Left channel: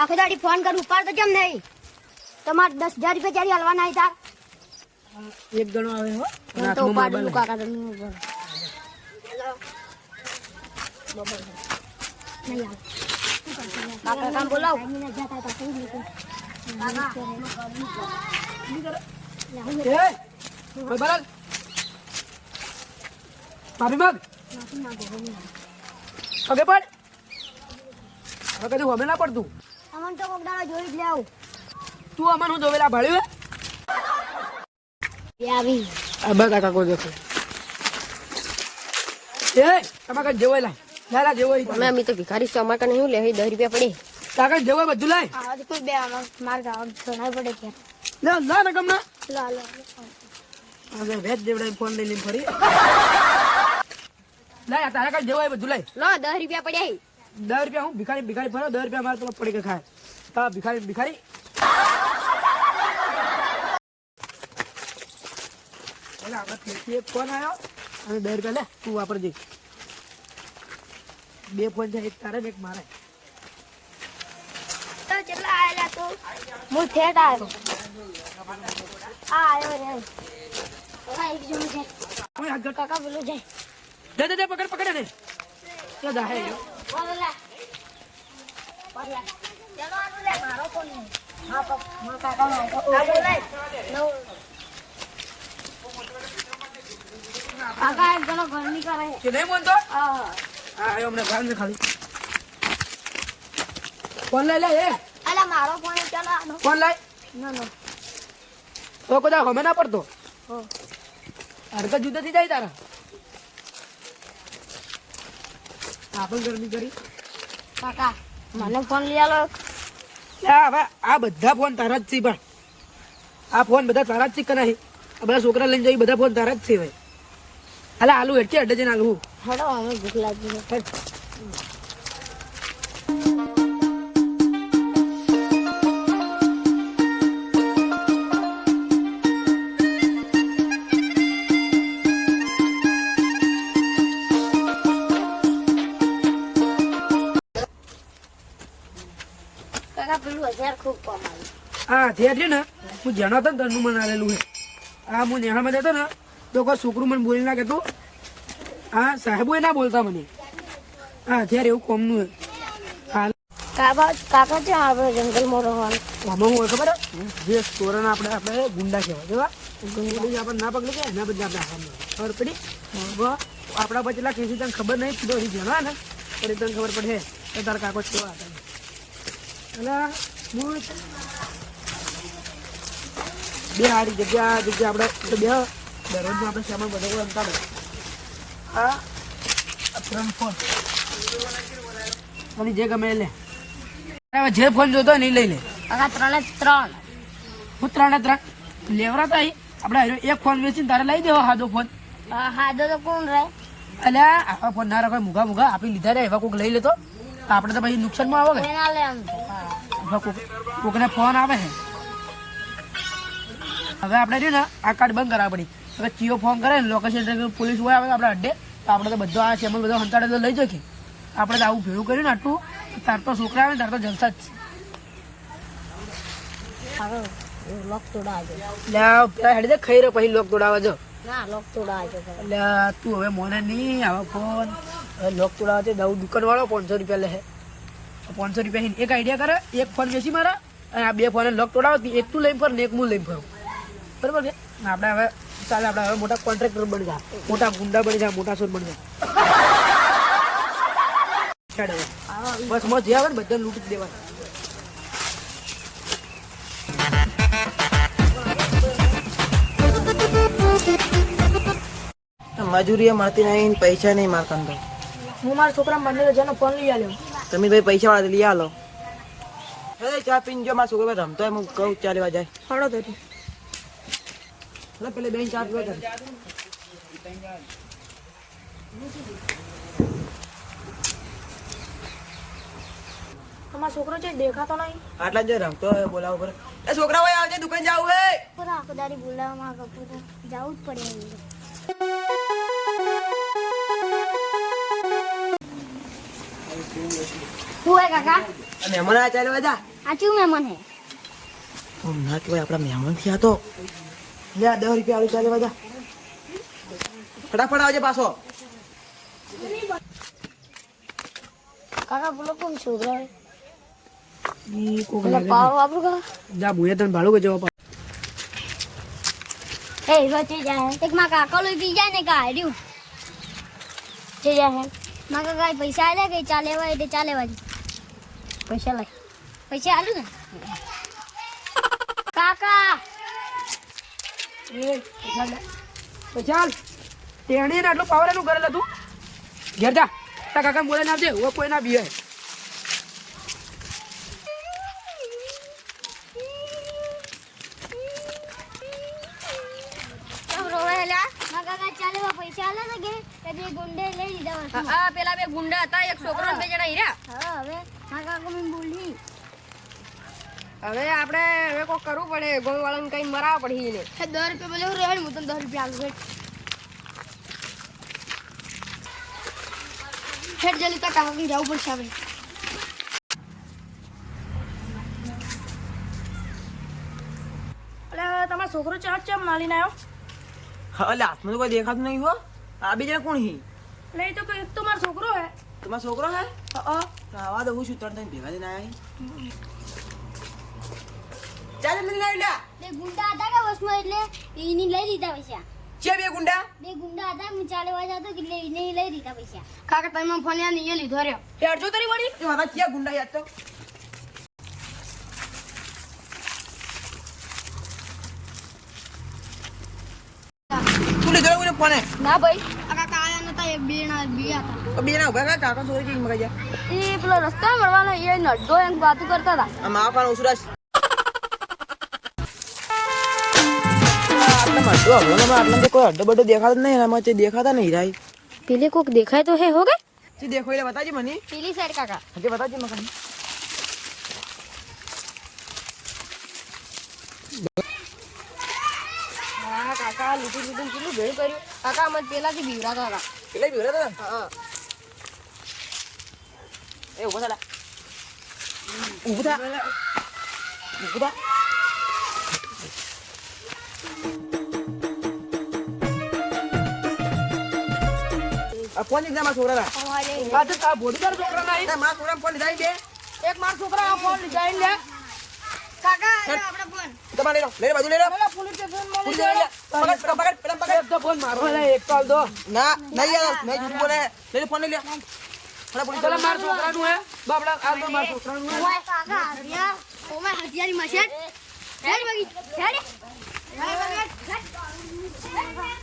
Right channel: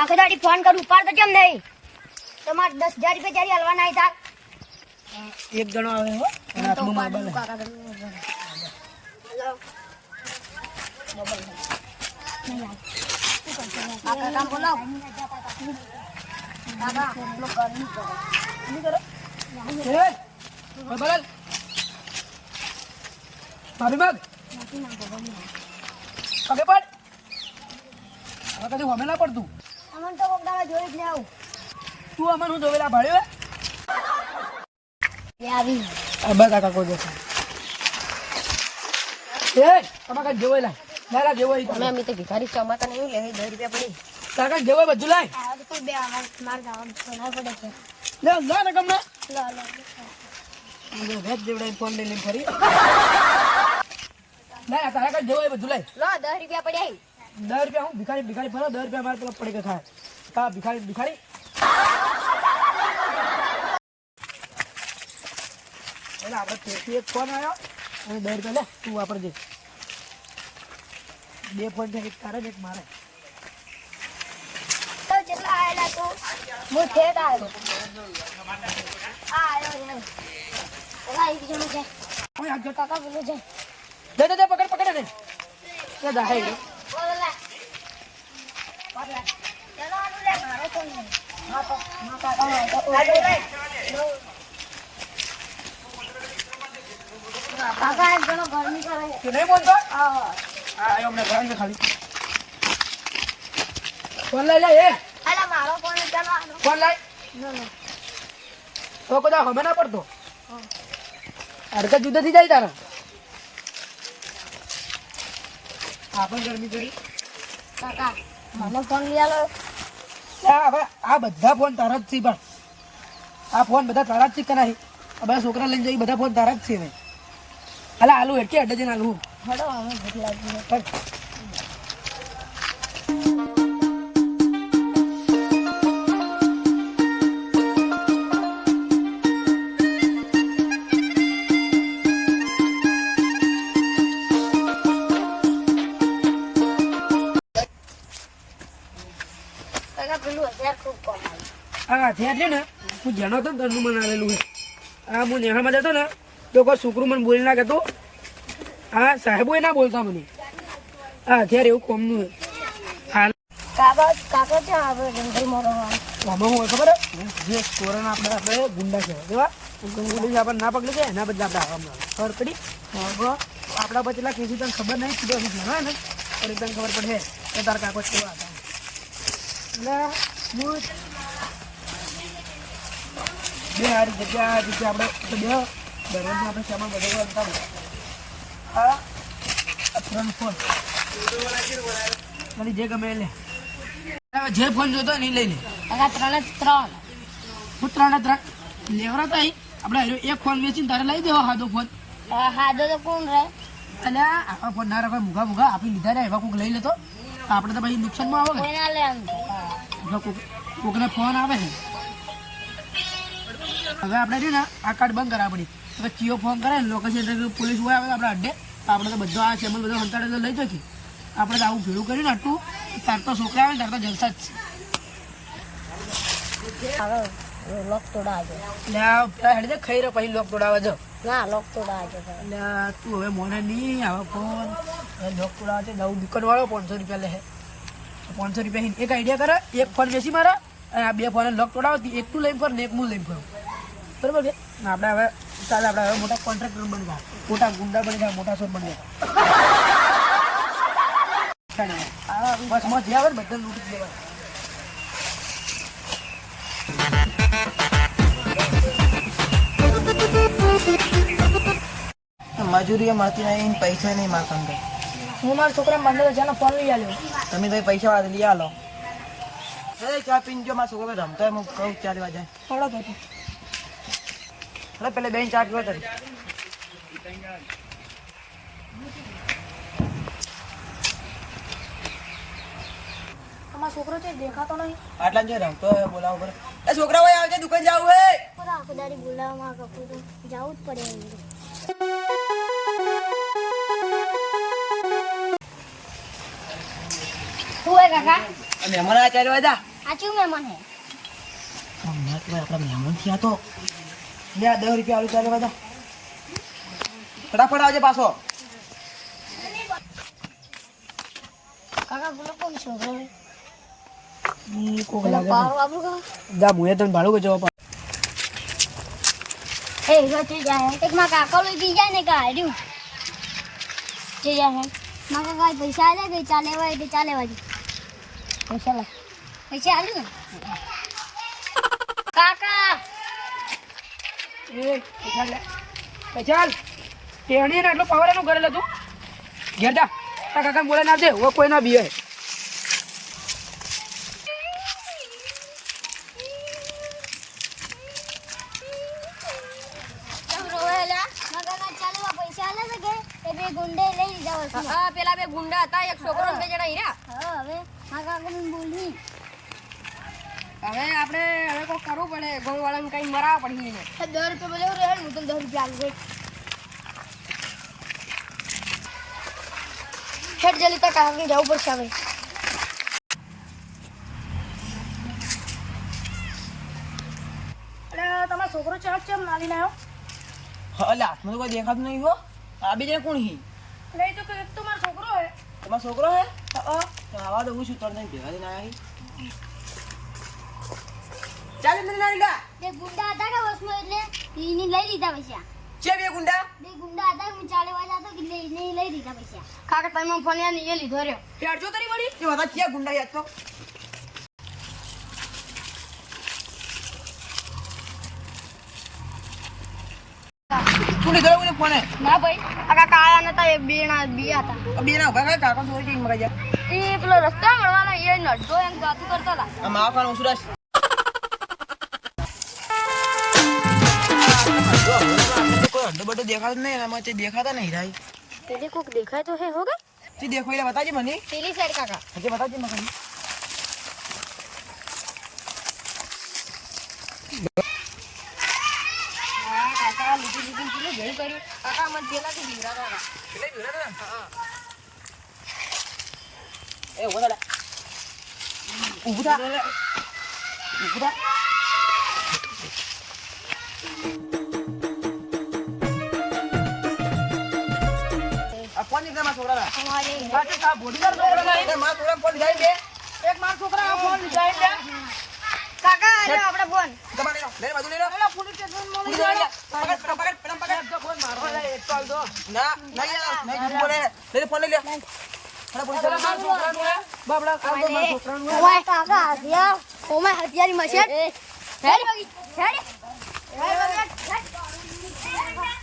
આખી દાડી ફોન કરું ઉપાડ તો કેમ નહીં? તમારે 10,000 રૂપિયા ક્યારે હાલવાના હતા? એક જણો આવે હો અને હાથમાં મોબાઈલ હે. કાકા તમે નહીં આવ. કાકા બોલાવ. કાકા ગરમી કરે. એ કોઈ બોલ માફી માંગ પગે પડ હવે કદી હોમે ના પડતું અમન તો કોક દાડા જોઈ જ લેવ. તું અમન હું જોવેલા ભાળ્યો એ આવી આ બસ કાકા કોઈ દેખો એ તમારે કઈ જેવો લાય લાલા જેવો અમે અમી તો ભિખારી છો અમાર કને હું લે 10 રૂપિયા પડી. કાકા જેવો બધું લાય આ તો કોઈ બે માર જવાબ સોના પડે છે. લે લા ને કમના લા લા હવે વેચ જેવડા ફોન લઈને ફરી લાય તારા કઈ જેવો બધું લાય લો 10 રૂપિયા પડ્યા. 10 રૂપિયા હું ભિખારી ભિખારી ફરો 10 રૂપિયા મારે પેલા પડી કે ખાય હા ભિખારી ભિખારી એટલે આપણે તેથી એક ફોન આવ્યો અને 10 રૂપિયા લે તું વાપરજે બે ફોન છે એક તારે ને એક મારે તો કેટલા આયેલા તો હું ઠેઠ આવ્યો. આ આવ્યો રે ઓલા એક જણો જાય ઓય હાથ જોતા કાકા બોલો જાય દે પકડ પકડ દે એ દાહે બોલા બોલા ચલો આનું લે મારો તો નહીં. હા તો મા કાકા નો તો આડો લે નો કાકા એક જણો ગરમી કરે કે નહીં બોલતો હા હા આ હમણાં ભાઈ ને ખાલી ફોન લઈ લે એ અલા મારો ફોન ચાલો આનો ફોન લાય નો નો તો કદા હવે ના પડતો હો અરે તો જુદા થઈ જાય તારા આપણ ગરમી કરી કાકા મને ફોન લઈ આલો. હવે આ બધા ફોન તારા જ છે પણ આ ફોન બધા તારા જ છે કરાય આ બધા છોકરા લઈને જઈ બધા ફોન તારા જ છે ભાઈ અલા આલુ હેઠે અડે જઈને આલુ હડો હવે ભૂખ લાગી છે. કાકા પેલું 1000 ખૂબ કમાયું. હા છે એટલે ને હું જેનો હતો ને તરનું મને આલેલું છે આ હું નેહામાં જતો ને તો કોઈ છોકરું મને બોલી ના કહેતું હા સાહેબો એ ના બોલતા મને હા અત્યારે એવું કોમનું હાલ કાકા ત્યાં આવ્યો જંગલમાં રહેવાનું. આમાં હું હોય ખબર જે સ્ટોરન આપણે ગુંડા કહેવાય કેવા ગુંડી આપણને ના પકડી જાય એના બદલે આપણે ખબર પડી આપણા બચેલા કેસી તને ખબર નહીં કીધું હજી જણાય ને તો તને ખબર પડે કે તારા કાકો કેવા હતા અને હું બે સારી જગ્યા આપણે બે દરરોજનો આપણે સામાન બધો અંતર હા ફ્રન્ટ ફોન અને જે ગમે એ લે જે ફોન જોતો હોય ને એ લઈ લે કાકા 3 જ 3 હું 3 લેવરા તો આપણે એક ફોન વેચીને તારે લઈ દેવો સાદો ફોન હાદો તો કોણ રે અલ્યા આખા ફોન ના રાખે મૂઘા આપી લીધા રે એવા કોઈક લઈ લેતો આપણે તો પછી નુકસાનમાં આવે કોઈ ના લે આમ તો કોકને ફોન આવે છે હવે આપણે છે ને આ કાર્ડ બંધ કરાવવા પડી હવે ચીઓ ફોન કરે ને લોકેશન પોલીસ હોય આવે આપણે અડ્ડે તો આપણે તો બધો આ ચેમલ બધો સંતાડે લઈ જશે આપણે તો આવું ભેળું કર્યું ને આટલું તાર તો છોકરા આવે ને તાર તો જલસા જ હવે લોક તોડાજો છે પેલા હેડી દે ખાઈ રહ્યો પછી લોક તોડાવા જો ના લોક તોડાજો એટલે તું હવે મોને નહીં આવા ફોન લોક તોડાવા છે દઉં દુકાન વાળો 500 રૂપિયા લે 500 રૂપિયા એક આઈડિયા કરે એક ફોન વેચી મારા અને આ બે ફોન લોક તોડાવો એક તું લઈને ફર ને એક હું લઈને ફરું બરાબર છે આપણે હવે ચાલે આપણે હવે મોટા કોન્ટ્રાક્ટર બની જાય મોટા ગુંડા બની જાય મોટા સોર બની જાય બસ મત જે આવે ને બધા લૂંટી દેવા મજૂરી મળતી નહીં પૈસા નહીં મારતા હું મારા છોકરા 15,000 ફોન લઈ આવ્યો તમે ભાઈ પૈસા વાળા લઈ આલો ચા પીને જો મારા છોકરા રમતો હોય હું કહું ચા લેવા જાય હળો તો તું એટલે પેલે બેન ચા પીવા તારી તમારો છોકરો છે દેખાતો નહીં. આટલા જો રમતો હોય બોલાવો પડે એ છોકરા ભાઈ આવજે દુકાન જાવું હે બધા આખો દાડી બોલાવવામાં કપૂર તો જવું જ પડે એમ. શું હે કાકા મહેમાન આ ચાલ્યો હતા આ ચું મહેમાન હે ના કહેવાય આપણા મહેમાન થયા તો લે આ 10 રૂપિયા આલુ ચાલ્યો હતા ફટાફટ આવજે પાછો કાકા બોલો કોણ છોકરો હે ઈ કોક પેલા લાગે પાવ વાપરું કા દા મુએ તને ભાડું કે જવા એ ગતિ જાય એક માં કાકા લઈ ગઈ જાય ને કા આડ્યું જે જાય હે માં કાકા પૈસા આલે કે ચાલે વા એટલે ચાલે વાજી પૈસા લે પૈસા આલુ ને કાકા એ એટલા લે તો ચાલ ટેણી ને આટલો પાવર એનું કરેલો તું ઘેર જા તા કાકા બોલે ના દે ઓ કોઈ ના બીએ પૈસા આલે કે એ બે ગુંડે લઈ લીધા હા પેલા બે ગુંડા હતા એક છોકરો ને બે જણા હીરા હા હવે માં કાકા મને બોલી હવે આપણે હવે કોઈ કરવું પડે ગોળ વાળાને કઈ મરાવવા પડે એને 10 રૂપિયા બોલે રહે હું તને 10 રૂપિયા આલું હેડ જલ્દી તા કાકા જવું પડશે હવે અરે તમારો છોકરો ચાટ ચમ માલીને આવ્યો એટલે હાથમાં તો કોઈ દેખાતું નહીં હો આ બે જણા કોણ હી એટલે એ તો કઈ તો મારો છોકરો હે તમારો છોકરો હે તો આવા દઉં છું ત્રણ ભેગા થઈને આયા ચાલે મને લઈ લે બે ગુંડા હતા કે વસમાં એટલે ઈને લઈ લીધા પૈસા છે બે ગુંડા બે ગુંડા હતા હું ચાલે વાજા તો કે ઈને લઈ લીધા પૈસા કાકા તમે ફોન યાર નીચે લીધો રહ્યો હેડજો તારી વળી એ બધા ક્યાં ગુંડા યાદ તો તું લીધો એવું ફોને ના ભાઈ આ કાકા આયા નતા એ બે હતા બે ના ઉભા કાકા ચોરી કઈ મગાઈ જા એ પેલો રસ્તા મળવાનો એ નડજો એમ વાતું કરતા હતા આ માવા કાનો ઉસરાશ કોઈ અડધો બડો દેખાતો નહીં એનામાં તે દેખાતા નહીં રાય પેલે કોક દેખાય તો હે હો ગઈ તે દેખો એટલે બતાજે મને પેલી સાઈડ કાકા હજે બતાજે મને હા કાકા લૂટી કેટલું ભેળ કર્યું કાકા અમે પેલાથી બીવડાતા હતા પેલા બીવરે તો એ ઉભા થા ઉભા થા ઉભા થા આ ફોન દીધા માં છોકરા અમારે તા બોડીદાર છોકરા નહીં ના માં છોકરા ફોન દીધા દે એક માર છોકરા ફોન લીધા ને કાકા આપણે ફોન તમારે લઈ લે બાજુ લઈ લે પોલીસ સ્ટેશન પુરી લઈ લે પકડ પેલા પકડ તો ફોન મારો એક ચાલ દો ના નહીં યાર નહીં જૂઠ બોલે લઈ લે ફોન લઈ લે થોડા પોલીસ મારા છોકરાનું હે બાપડા આ તો મારા છોકરાનું હે ઓય કાકા આવ્યા ઓમે હથિયારી મશેટ હેડ બગી હેડ હેડ